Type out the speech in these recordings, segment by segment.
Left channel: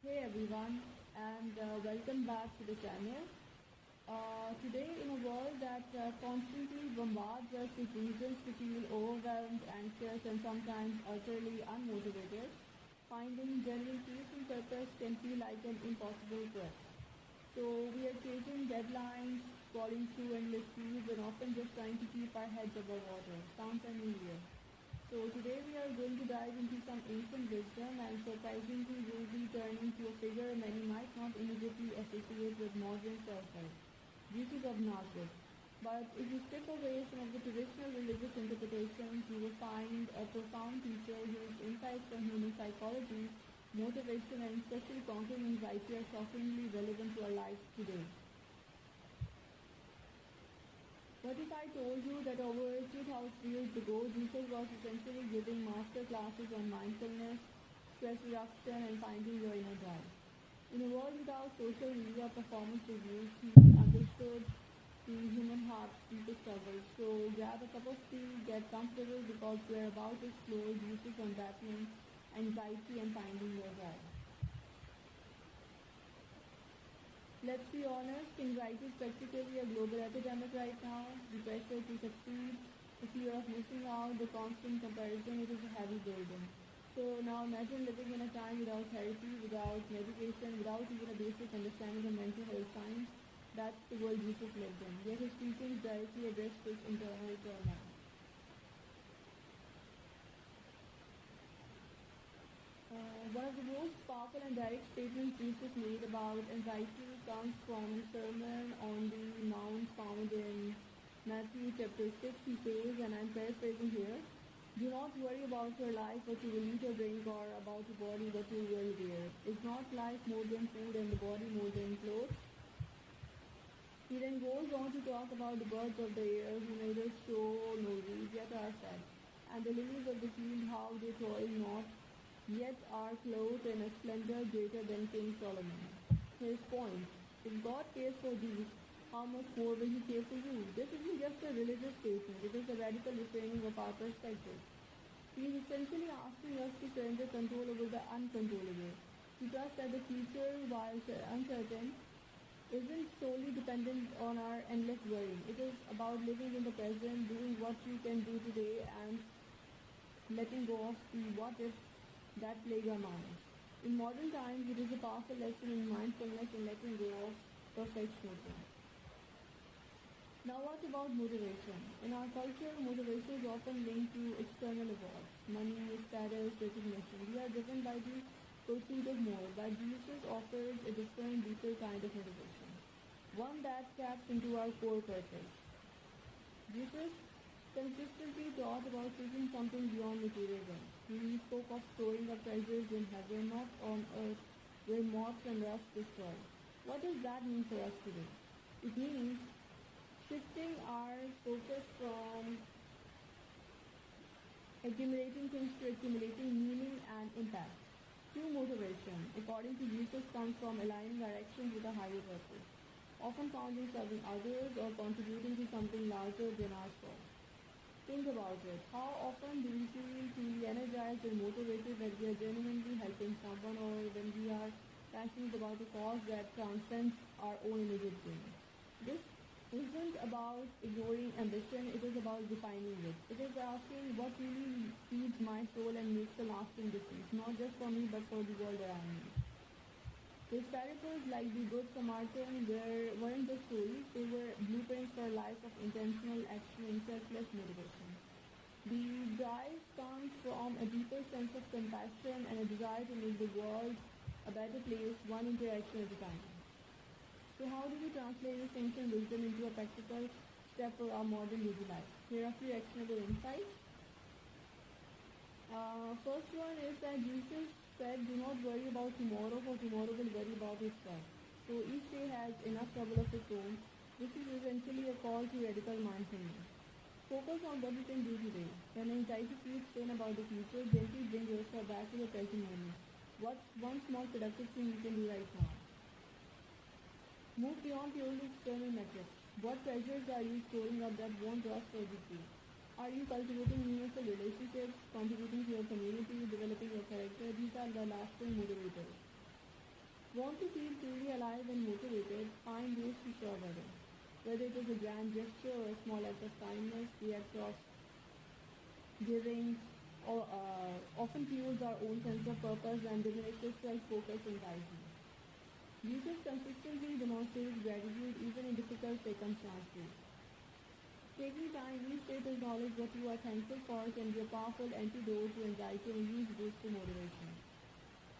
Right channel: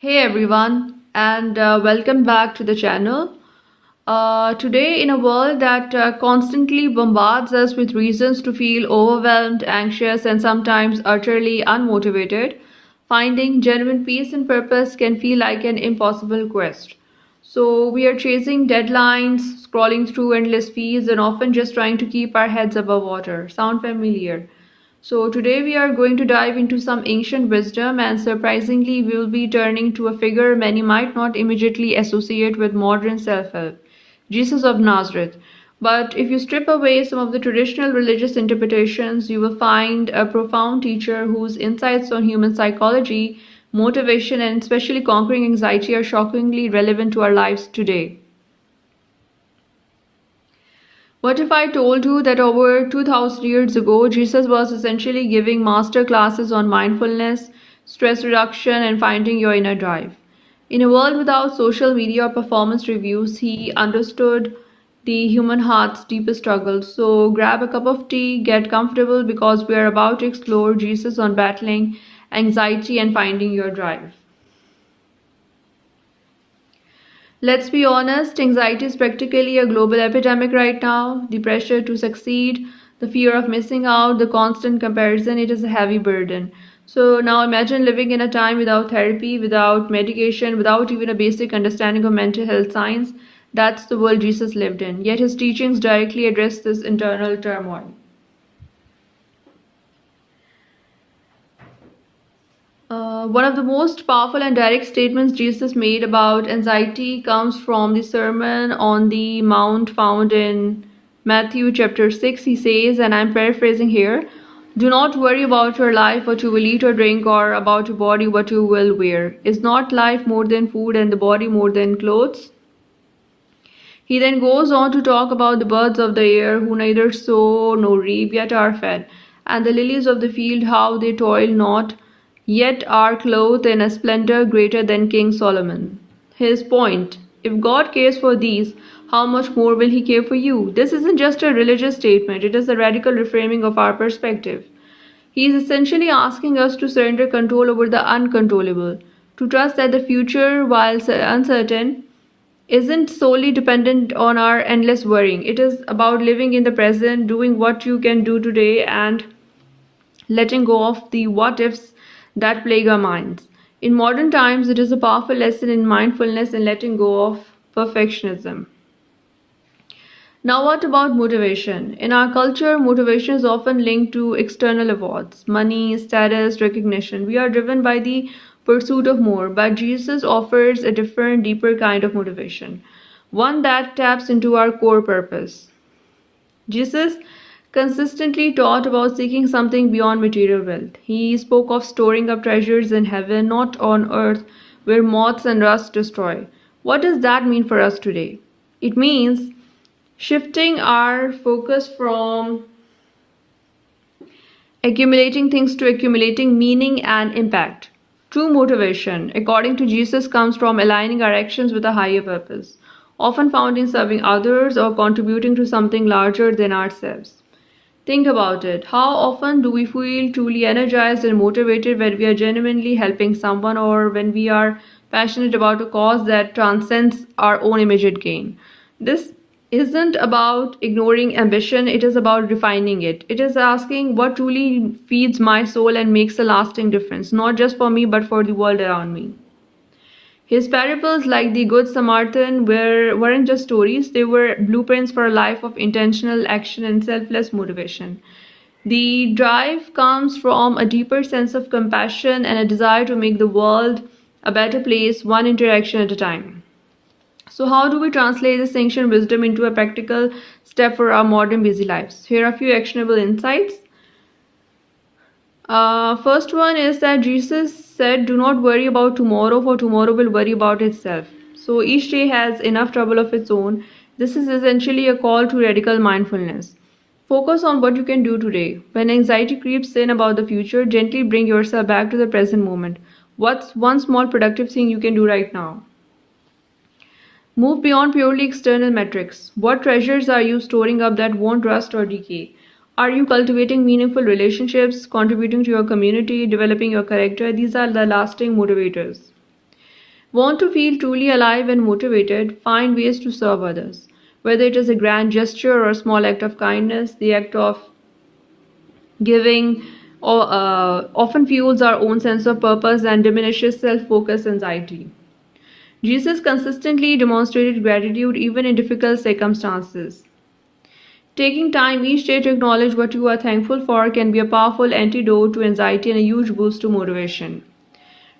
Hey everyone, and welcome back to the channel. Today, in a world that constantly bombards us with reasons to feel overwhelmed, anxious, and sometimes utterly unmotivated, finding genuine peace and purpose can feel like an impossible quest. So, we are chasing deadlines, scrolling through endless feeds, and often just trying to keep our heads above water. Sound familiar? So, today we are going to dive into some ancient wisdom, and surprisingly, we will be turning to a figure many might not immediately associate with modern self help, Jesus of Nazareth. But if you strip away some of the traditional religious interpretations, you will find a profound teacher whose insights on human psychology, motivation, and especially conquering anxiety are shockingly relevant to our lives today. What if I told you that over 2000 years ago, Jesus was essentially giving master classes on mindfulness, stress reduction, and finding your inner drive? In a world without social media or performance reviews, he understood the human heart's deepest struggles. So grab a cup of tea, get comfortable because we are about to explore Jesus on battling anxiety and finding your drive. Let's be honest, anxiety is practically a global epidemic right now. The pressure to succeed, the fear of missing out, the constant comparison, it is a heavy burden. So now imagine living in a time without therapy, without medication, without even a basic understanding of mental health science. That's the world Jesus lived in. Yet his teachings directly address this internal turmoil. One of the most powerful and direct statements Jesus made about anxiety comes from the Sermon on the Mount found in Matthew chapter 6. He says, and I'm paraphrasing here, do not worry about your life, what you will eat or drink, or about your body, what you will wear. Is not life more than food and the body more than clothes? He then goes on to talk about the birds of the air who neither sow nor reap yet are fed, and the lilies of the field how they toil not, yet are clothed in a splendor greater than King Solomon. His point: if God cares for these, how much more will He care for you? This isn't just a religious statement, it is a radical reframing of our perspective. He is essentially asking us to surrender control over the uncontrollable, to trust that the future, while uncertain, isn't solely dependent on our endless worrying. It is about living in the present, doing what you can do today, and letting go of the what ifs that plague our minds. In modern times, it is a powerful lesson in mindfulness and letting go of perfectionism. Now, what about motivation? In our culture, motivation is often linked to external awards, money, status, recognition. We are driven by the pursuit of more, but Jesus offers a different, deeper kind of motivation, one that taps into our core purpose. Jesus consistently taught about seeking something beyond material wealth. He spoke of storing up treasures in heaven, not on earth, where moths and rust destroy. What does that mean for us today? It means shifting our focus from accumulating things to accumulating meaning and impact. True motivation, according to Jesus, comes from aligning our actions with a higher purpose, often found in serving others or contributing to something larger than ourselves. Think about it. How often do we feel truly energized and motivated when we are genuinely helping someone or when we are passionate about a cause that transcends our own immediate gain? This isn't about ignoring ambition, it is about refining it. It is asking what truly feeds my soul and makes a lasting difference, not just for me but for the world around me. His parables, like the Good Samaritan, weren't just stories, they were blueprints for a life of intentional action and selfless motivation. The drive comes from a deeper sense of compassion and a desire to make the world a better place, one interaction at a time. So, how do we translate this ancient wisdom into a practical step for our modern busy lives? Here are a few actionable insights. First one is that Jesus said, do not worry about tomorrow, for tomorrow will worry about itself. So each day has enough trouble of its own. This is essentially a call to radical mindfulness. Focus on what you can do today. When anxiety creeps in about the future, gently bring yourself back to the present moment. What's one small productive thing you can do right now? Move beyond purely external metrics. What treasures are you storing up that won't rust or decay? Are you cultivating meaningful relationships, contributing to your community, developing your character? These are the lasting motivators. Want to feel truly alive and motivated? Find ways to serve others. Whether it is a grand gesture or a small act of kindness, the act of giving often fuels our own sense of purpose and diminishes self focus anxiety. Jesus consistently demonstrated gratitude even in difficult circumstances. Taking time each day to acknowledge what you are thankful for can be a powerful antidote to anxiety and a huge boost to motivation.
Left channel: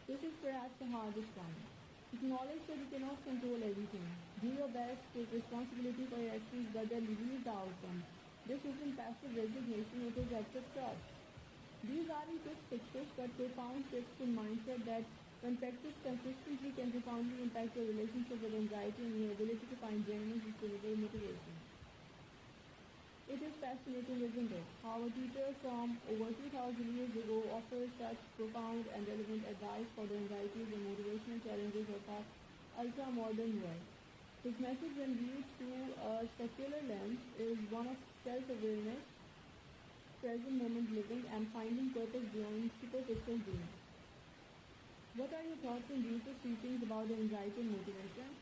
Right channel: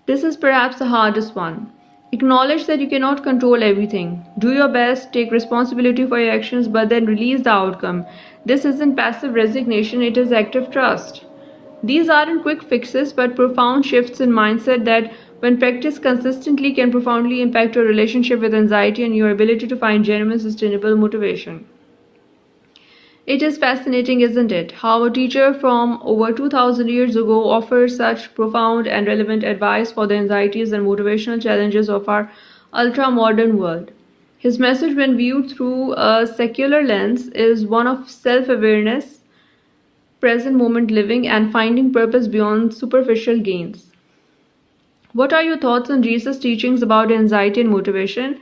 This is perhaps the hardest one. Acknowledge that you cannot control everything. Do your best, take responsibility for your actions, but then release the outcome. This isn't passive resignation, it is active trust. These aren't quick fixes, but profound shifts in mindset that, when practiced consistently, can profoundly impact your relationship with anxiety and your ability to find genuine, sustainable motivation. It is fascinating, isn't it, how a teacher from over 2000 years ago offers such profound and relevant advice for the anxieties and motivational challenges of our ultra modern world. His message, when viewed through a secular lens, is one of self awareness, present moment living, and finding purpose beyond superficial gains. What are your thoughts on Jesus' teachings about anxiety and motivation?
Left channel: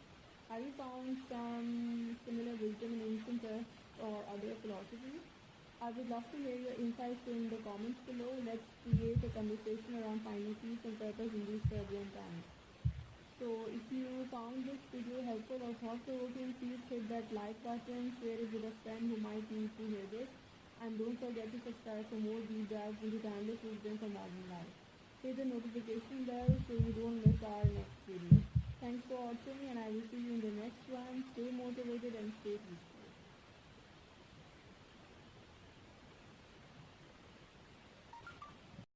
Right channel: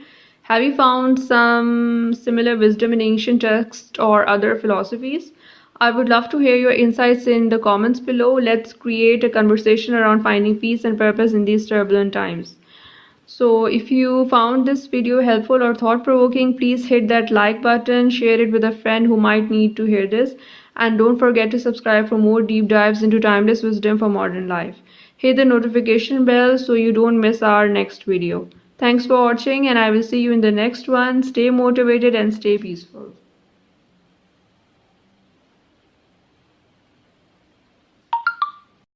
Have you found some similar wisdom in ancient texts or other philosophies? I would love to hear your insights in the comments below. Let's create a conversation around finding peace and purpose in these turbulent times. So, if you found this video helpful or thought provoking, please hit that like button, share it with a friend who might need to hear this, and don't forget to subscribe for more deep dives into timeless wisdom for modern life. Hit the notification bell so you don't miss our next video. Thanks for watching, and I will see you in the next one. Stay motivated and stay peaceful.